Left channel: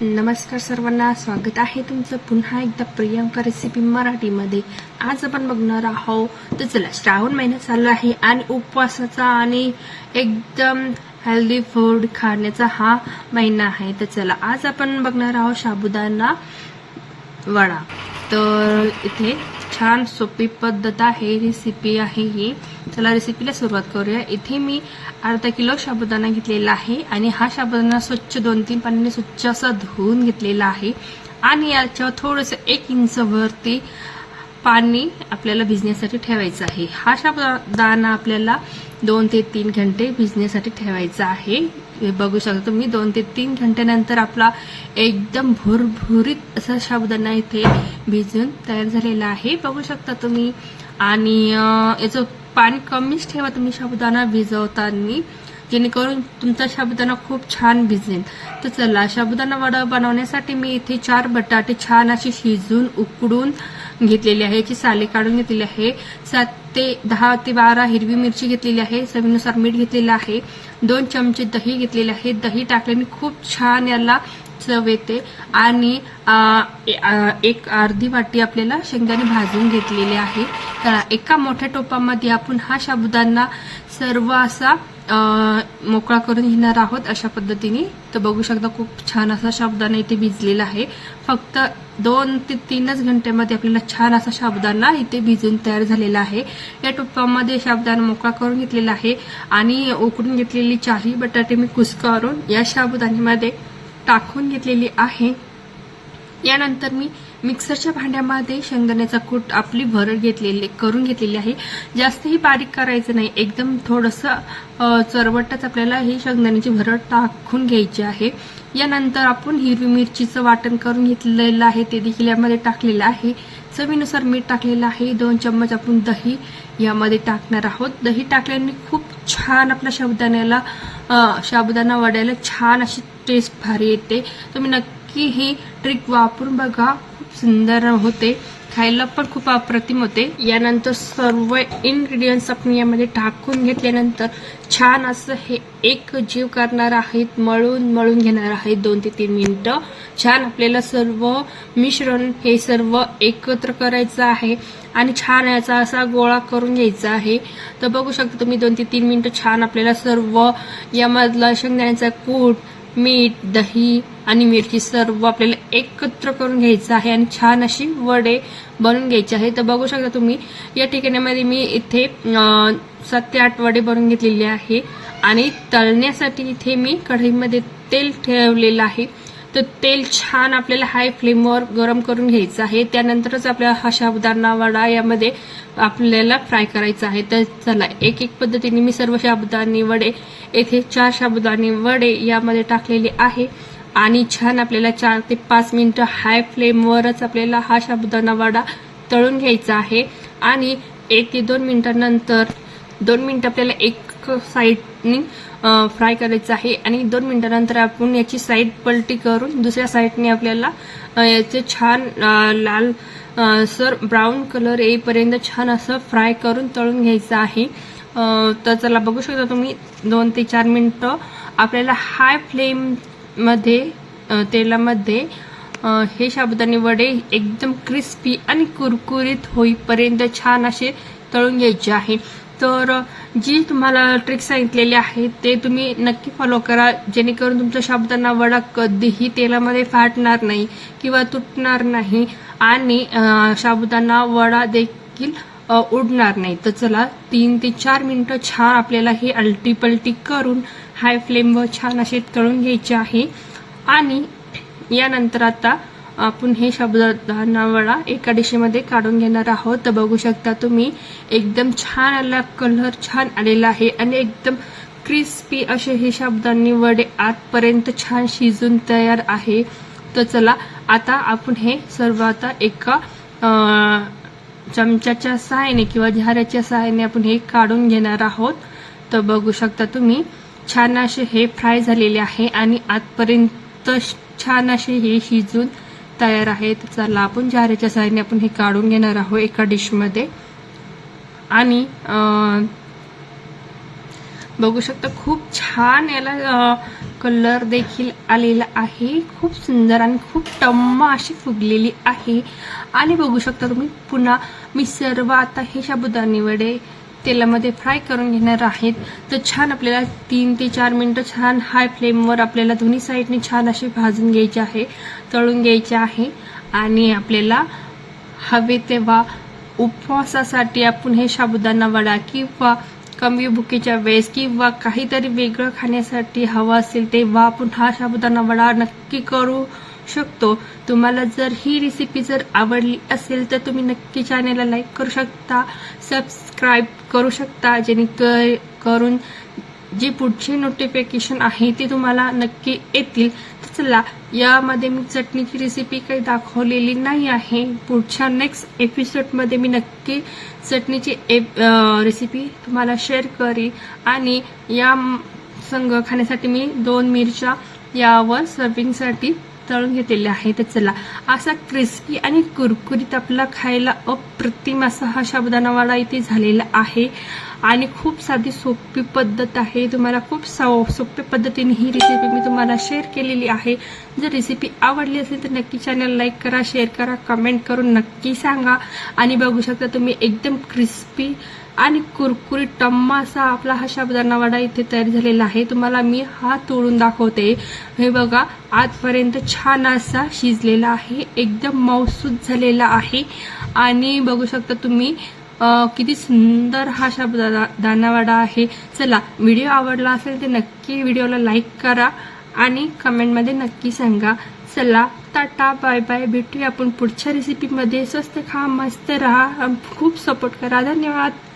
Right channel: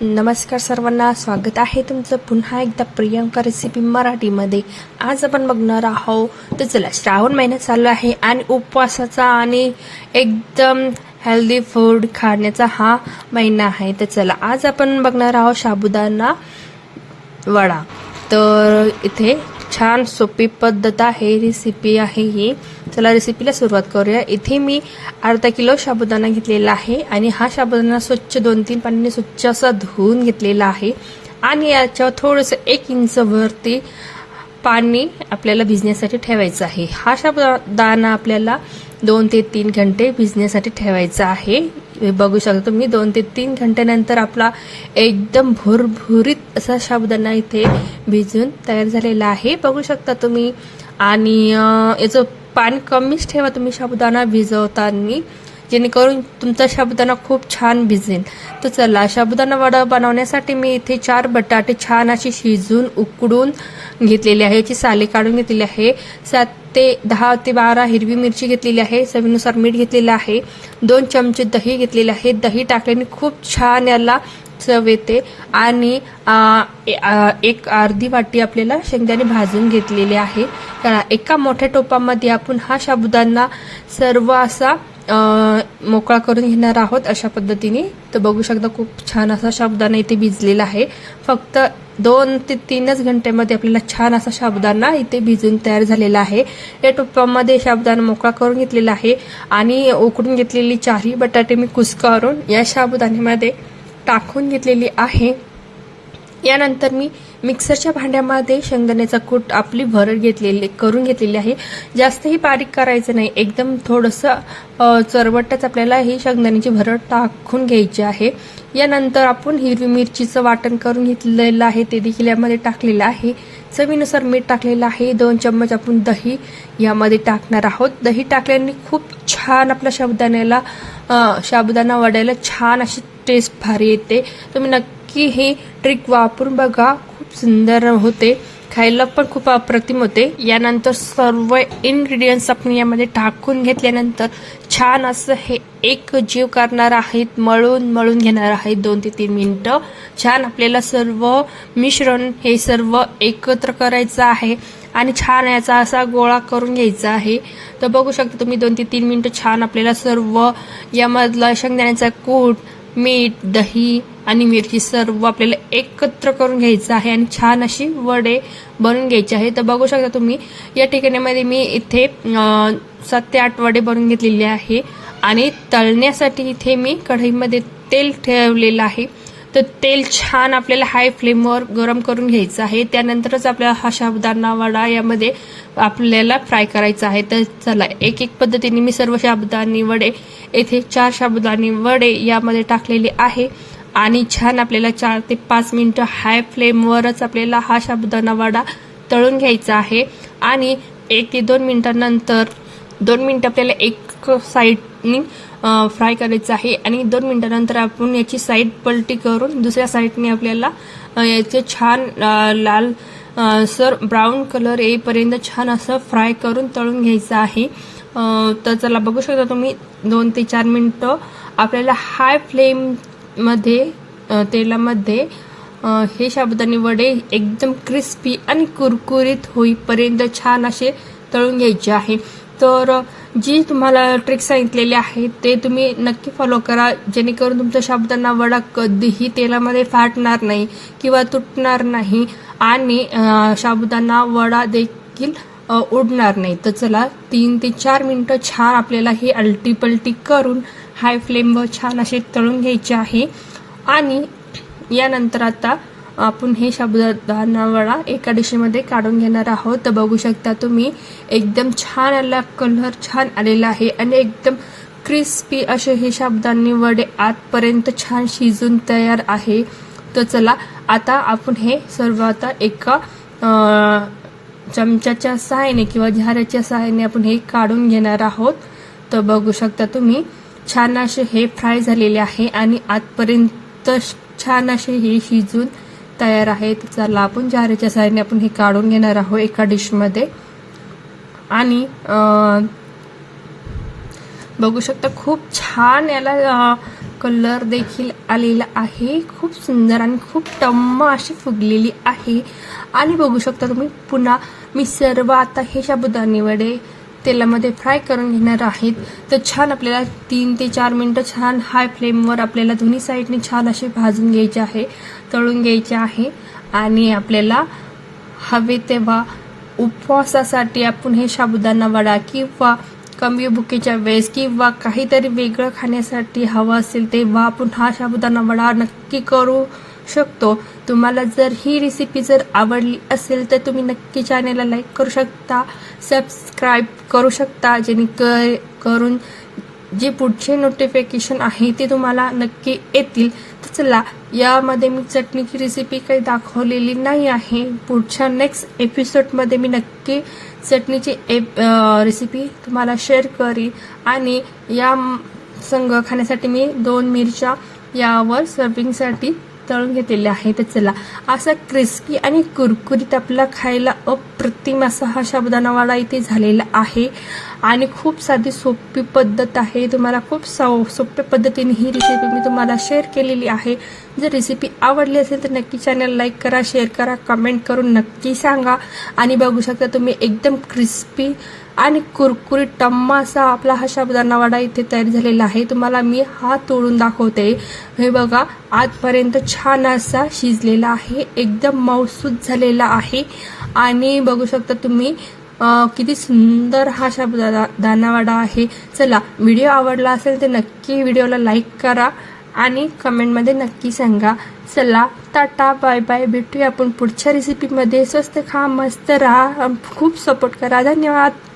नमस्कार सर्वांना, स्वागत आहे तुमचं पुन्हा एकदा प्रियंका रेसिपी मराठीमध्ये। आज आपण बघणार आहोत, तर चला, श्रावण महिना चालू आहे आणि उपवासाचा आणि एकदम हेल्दी फूड खाण्याचा हा महिना आहे। तर चला, आज आपण बघणार आहोत साबुदाणा वडा। तर इथे छान सोपी पद्धत आहे, रेसिपी आहे ही। चला रेसिपीला सुरुवात करूया। इथे मी अर्धा किलो साबुदाणा घेतलेला आहे आणि हा साबुदाणा स्वच्छ 2-3 पाण्याने स्वच्छ असा धुवून घेतलेला आहे आणि याच्यावर थोडंसं 1 इंच वरती पाणी आपल्याला भिजण्यासाठी ठेवायचं आहे। हा साबुदाणा आपल्याला 2 ते 3 घंटे भिजण्यासाठी ठेवायचा आहे। बघू शकता तुम्ही 2 ते 3 घंट्यानंतर आपला एकदम भुरभुरीत असा साबुदाणा इथे भिजून तयार झालेला आहे, बघू शकता तुम्ही। आणि याचं पाणी कमीच ठेवा तुम्ही साबुदाणा भिजवताना, जेणेकरून तुमचा साबुदाणा खूप छान भिजेल। तर चला, साबुदाणा वडा बनवण्यासाठी मी इथे 4 बटाटे छान अशी शिजून उकडून घेतलेले आहे, याची साले काढून घेतलेली आहे। 10 ते 12 हिरवी मिरची घेतलेली आहे, चवीनुसार मीठ घेतलेलं आहे, 2 चमचे दही घेतलेले आहे। दही टाकल्याने खूप छान याला चव येते। आणि 1 अर्धी वाटी आपल्याला शेंगदाणे भाजून घेतलेले आहे। तर एका मोठ्या टोपामध्ये आपण हा साबुदाणा सर्व असा मोकळा करून घेणार आहोत अशा पद्धतीने। तर बघू शकता खूप छान असा साबुदाणा इथे भिजलेला आहे। फक्त 2 ते 3 घंट्यामध्ये आपल्याला छान असा साबुदाणा इथे भिजून तयार झालेला आहे। या टोपामध्ये साबुदाणा मोकळा करून घेतलेला आहे आणि उकडून घेतलेली 4 बटाटे मी कुस्करून या साबुदाण्यामध्ये टाकून घेतलेली आहे। यानंतर मी मिक्सरच्या भांड्यामध्ये शेंगदाण्याचा कूट आपली भरड करून घेतलेली आहे। जास्तही बारीक करायचं नाही, एकदम थोडंसं चरबटच आपल्याला ही शेंगदाण्याची भरड टाकून घ्यायची आहे। यानंतर आपण हिरवी मिरचीचं वाटण करून घेतलेलं आहे, ते देखील यामध्ये टाकलेलं आहे। चवीनुसार मीठ टाकलेलं आहे। 2 चम्मच आपण दही यामध्ये टाकणार आहोत। दही टाकल्याने खूप छान आपल्या साबुदाणा वड्याला छान अशी टेस्ट भारी येते। तुम्ही नक्की हे ट्रिक वापरून बघा, खूप सुंदर होते, खायला पण खूप अप्रतिम होते। यानंतर सर्व इन्ग्रेडियंट्स आपण यामध्ये टाकून घेतल्यानंतर छान असं हे एक जीव करणार आहेत, मळून घेणार आहेत 2 ते 3 मिनिटं। छान आपल्याला सर्व मिश्रण हे सर्व एकत्र करायचं आहे आणि छान याचा असा गोळा करून घ्यायचा आहे। तर बघू शकता तुम्ही 2 ते 3 मिनिटं छान आपल्याला सर्व यामधला शेंगदाण्याचा कूट, मीठ, दही आणि मिरची सर्व आपल्याला एकत्र करून घ्यायचं आहे आणि छान अशी वडे बनवून घ्यायचे आहे। तर बघू शकता तुम्ही या ठिकाणामध्ये मी इथे 7 ते 8 वडे बनवून घेतलेले आहे आणि तळण्यासाठी इथे मी कढईमध्ये तेल ठेवलेलं आहे। तर तेल छान आपल्याला हाय फ्लेमवर गरम करून घ्यायचं आहे, त्यानंतरच आपल्याला हा साबुदाणा वडा यामध्ये आपल्याला फ्राय करायचा आहे। तर चला, एक पद्धतीने मी सर्व साबुदाणे वडे येथे 4 साबुदाणे वडे यामध्ये टाकलेले आहे आणि छान आपल्याला 4 ते 5 मिनिटं हाय फ्लेमवरच आपल्याला हा साबुदाणा वडा तळून घ्यायचा आहे। आणि 1 ते 2 मिनिटांनंतर 2 मिनिटं आपल्याला एक साईडनी फ्राय करायचं आहे आणि 2 मिनिटांनंतर आपण याची साईड पलटी करून दुसऱ्या साईडने आपल्याला याचे छान लाल सर ब्राऊन कलर येईपर्यंत छान असं फ्राय करून तळून घ्यायचं आहे। तर चला, बघू शकता तुम्ही 2 ते 4 मिनिटं आपल्याला हाय फ्लेममध्ये तेलामध्ये हे साबुदाणे वडे एकदम क्रिस्पी आणि कुरकुरीत होईपर्यंत छान असे तळून घ्यायचे आहे। तर जी तुम्हाला ट्रिक सांगितलेली आहे ते तुम्ही नक्की फॉलो करा, जेणेकरून तुमचा साबुदाणा वडा कधीही तेलामध्ये फाटणार नाही किंवा तुटणार नाही आणि साबुदाणा वडा देखील उडणार नाही। तर चला, 3 ते 4 मिनिटं छान आपल्याला ही अलटी पलटी करून हाय फ्लेमवर छान अशी तळून घ्यायची आहे। आणि यानंतर आता आपण हे साबुदाणा वडा एका डिशमध्ये काढून घेणार आहोत। तर बघू शकता तुम्ही एकदम छान आला, कलर छान आलेला आहे आणि एकदम क्रिस्पी असे हे साबुदाणे वडे आतपर्यंत छान शिजून तयार आहे। तर चला, आता आपण हे सर्व आता एका चमच्याच्या सहाय्याने किंवा झाऱ्याच्या सहाय्याने आपण हे काढून घेणार आहोत। तर बघू शकता तुम्ही छान असे हे फ्राय झालेले आहे आणि आतपर्यंत छान असे हे शिजून तयार आहे। तर चला, आपण झाऱ्याच्या सहाय्याने आपण हे काढून घेणार आहोत एका डिशमध्ये। आणि बघू शकता खूप छान याला कलर देखील आलेला आहे. खूप सुंदर आणि खूप टम्म अशी फुगलेली आहे. आणि बघू शकता तुम्ही पुन्हा मी सर्व आता हे साबुदाणे वडे तेलामध्ये फ्राय करून घेणार आहेत. तर छान आपल्याला 3 ते 4 मिनिटं छान हाय फ्लेमवर आपल्याला दोन्ही साईडने छान अशी भाजून घ्यायची आहे, तळून घ्यायचे आहे. आणि आपल्याला हवे तेव्हा उपवासासाठी आपण हे साबुदाणा वडा किंवा कमी भुकेच्या वेळेस किंवा काहीतरी वेगळं खाण्यासाठी हवं असेल तेव्हा आपण हा साबुदाणा वडा नक्की करू शकतो. तुम्हाला जर ही रेसिपी जर आवडली असेल तर तुम्ही नक्की चॅनलला लाईक करू शकता, सबस्क्राईब करू शकता, जेणेकरून जे पुढचे नोटिफिकेशन आहे ते तुम्हाला नक्की येतील. तर चला, यामध्ये मी चटणीची रेसिपी काही दाखवलेली नाही आहे. पुढच्या नेक्स्ट एपिसोडमध्ये मी नक्की चटणीची रेसिपी तुम्हाला शेअर करीन. आणि या संग खाण्यासाठी मी 2 मिरच्या यावर सर्विंगसाठी तळून घेतलेले आहे. तर चला, असा क्रिस्पी आणि कुरकुरीत आपला खायला अप्रतिम असा हा साबुदाणा वडा इथे झालेला आहे. आणि खूप साधी सोपी पद्धत आहे. तुम्हाला खूप सोप्या पद्धतीने ही रेसिपी मी तुम्हाला शेअर केलेली आहे. जर रेसिपी आवडली असेल तर नक्की चॅनल लाईक करा, शेअर करा, कमेंट करून नक्की सांगा. आणि बघू शकता तुम्ही एकदम क्रिस्पी आणि कुरकुरीत टम्मा असा आपला हा साबुदाणा वडा इथे तयार झालेला आहे. तुम्हाला मी हा तोडून दाखवते. हे बघा, आजपर्यंत छान असा शिजलेला आहे, एकदम मऊसूद झालेला आहे. आणि बघू शकता तुम्ही किती सुंदर हा साबुदाणा वडा आहे. चला, व्हिडिओ आवडला असेल तर नक्की व्हिडिओला लाईक करा आणि कमेंटमध्ये नक्की सांगा. चला, टाटा, बाय बाय. भेटूया आपण पुढच्या रेसिपीमध्ये. स्वस्त खा, मस्त राहा, खूप सपोर्ट करा. धन्यवाद.